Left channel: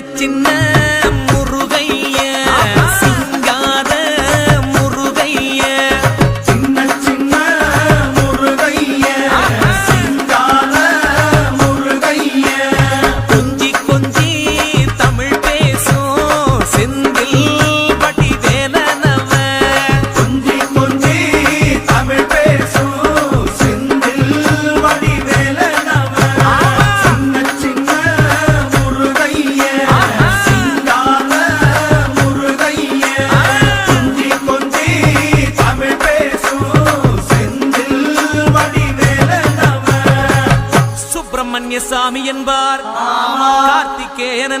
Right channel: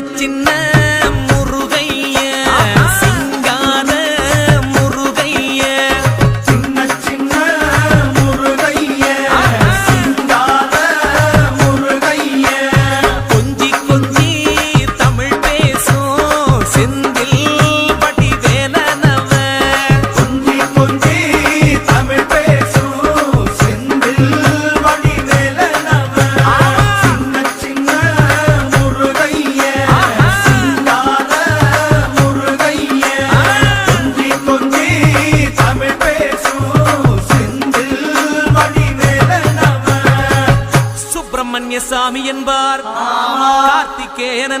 சின்ன முருகைய சிங்கார முருகைய சின்ன சின்ன முருகைய சிங்கார முருகைய கொஞ்சி கொஞ்சி தமிழ் பேசும் செந்தில் பட்டி வேலனவ கொஞ்சி கொஞ்சி தமிழ் பேசும் செந்தில் பட்டி வேலனவ சின்ன சின்ன முருகைய சிங்கார முருகைய கொஞ்சி கொஞ்சி தமிழ் பேசும் செந்தில் பட்டி வேலனவ சுப்பிரமணிய சாமி என்பார் கார்த்திகேயன்